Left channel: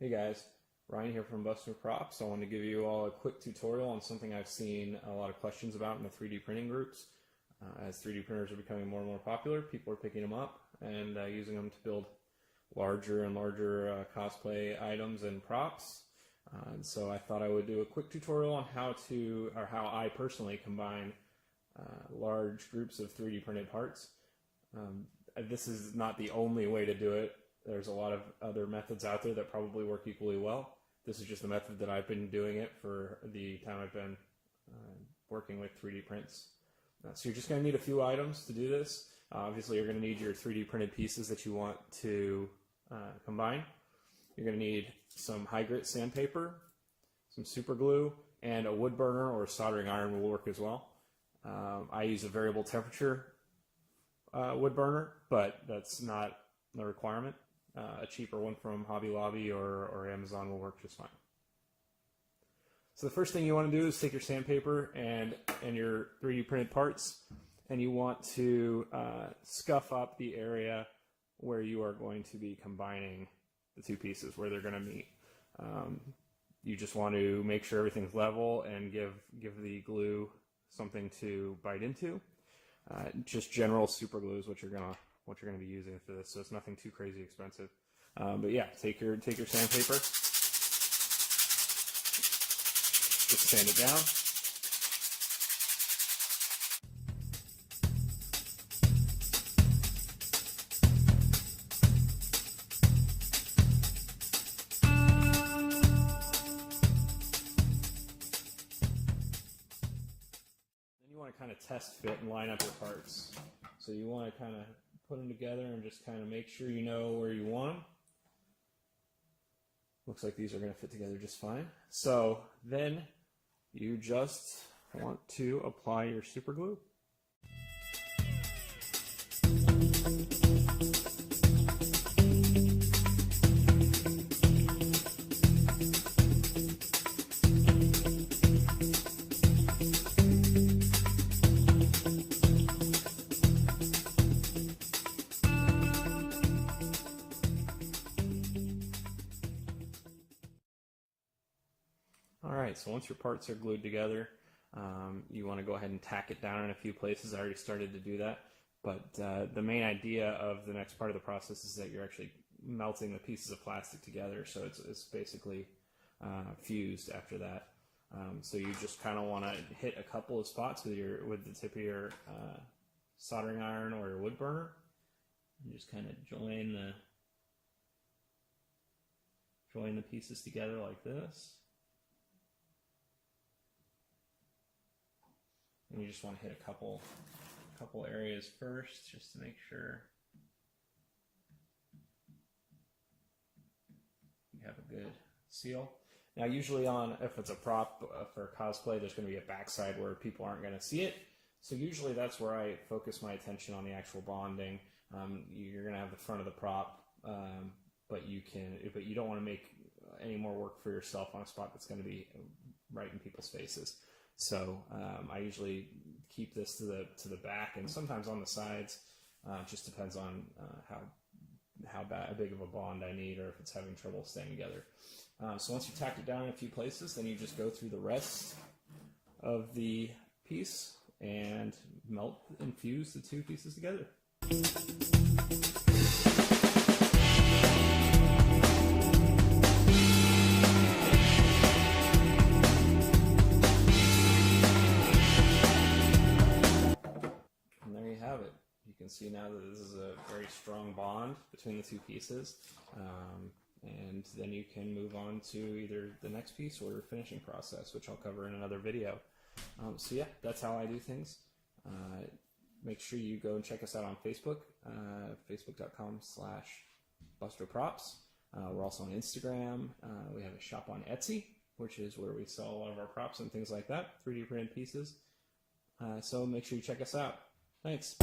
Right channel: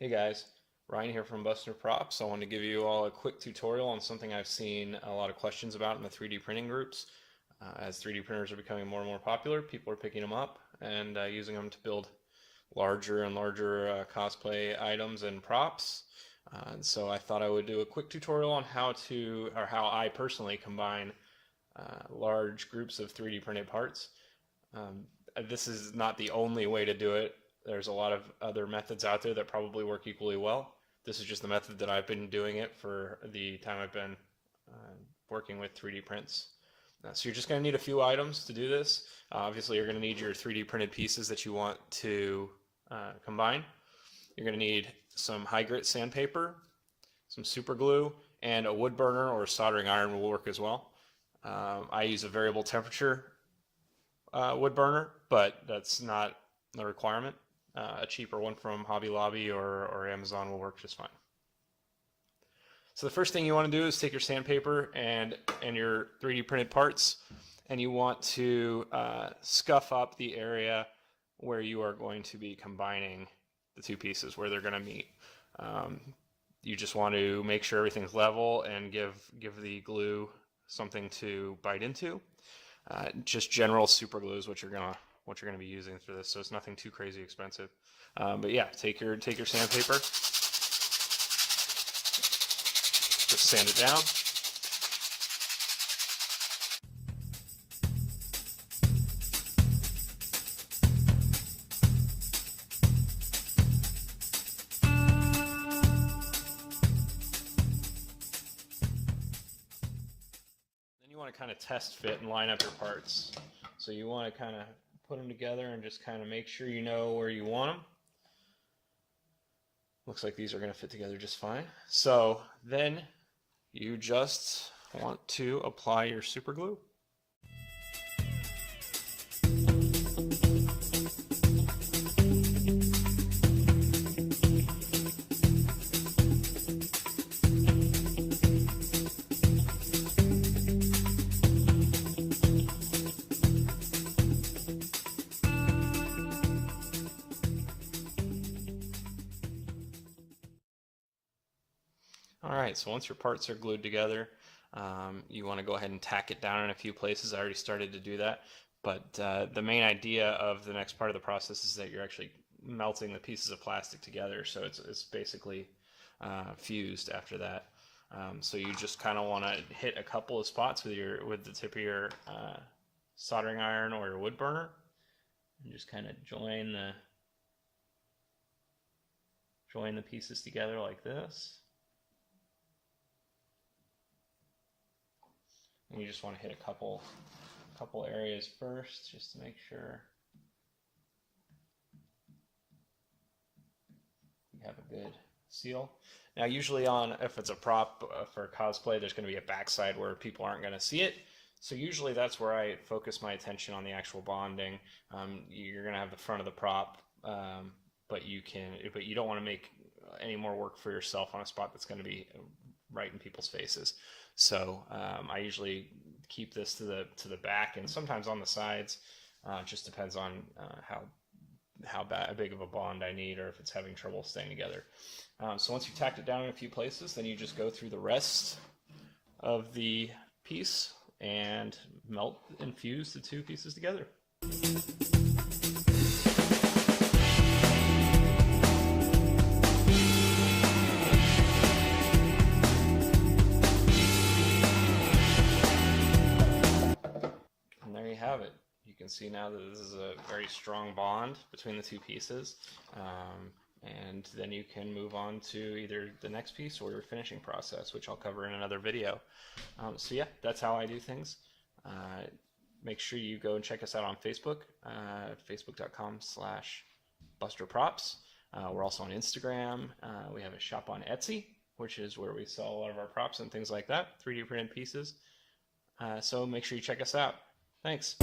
Hey guys, Ryan here from Buster Props. I want to give you all a quick tutorial on something I've seen a lot of questions about in the 3D printing groups. As 3D printers are becoming more and more popular, people are picking them up and using them to build larger and larger cosplay items and props. And so I thought I would do a quick tutorial on how I personally combine large groups of 3D printed parts. This is not the only way to do it. There's a lot of other methods out there that probably work equally well. This is just the method that I've been doing it for the time I've been working with 3D prints. So you're just going to need a few items to do this. Obviously, you're going to need your 3D printed pieces that you want to combine. You're going to need some high grit sandpaper, some super glue, and a wood burner or a soldering iron will work as well. I use a variable temperature wood burner, but that's not a requirement. A cheaper one from Hobby Lobby or Amazon will work just fine. So the first thing you want to do is take your sandpaper and your 3D printed parts, and you want to scuff up the area where you are going to be combining the two pieces, where they're going to meet. You just want to make sure everything's level and give the glue something to bite into. Just general super glue is what you're gonna be using for this, so it's nothing too crazy expensive. But yeah, take your sandpaper, just sand it down. Then you want to kind of test fit and line up your parts. So you want to kind of put them together and just kind of make sure you know where you want them. Looks like these are going to fit together just fine. So then you just want to apply your super glue. Alright, so once your parts are glued together, you want to go ahead and tack it down in a few places. I already started to do that, but the main idea of the next part of the process is that you're actually melting the pieces of plastic together, so it's basically fused after that. So you just kind of want to hit a couple of spots with the tip of your soldering iron or your wood burner, and just kind of join the pieces together like this. And you just want to hit a couple areas first, just to make sure you have a good seal. Now, usually if it's a prop for cosplay, there's going to be a backside where people aren't going to see it. So usually that's where I focus my attention on the actual bonding. You're going to have the front of the prop, but you don't want to make any more work for yourself on a spot that's going to be right in people's faces. So I usually keep this to the back and sometimes on the sides. Just depends on how big of a bond I need, or if it's having trouble staying together. So once you've tacked it down in a few places, then you just go through the rest of the piece and melt and fuse the two pieces together. You can see now that this is a very strong bond between the two pieces, and then you can move on to either the next piece or your finishing process, which I'll cover in another video. So yeah, that's how I do things. Make sure you go and check us out on Facebook, facebook.com/BusterProps. We're also on Instagram. We have a shop on Etsy, which is where we sell a lot of our props and things like that, 3D printed pieces. So make sure you check us out. Thanks.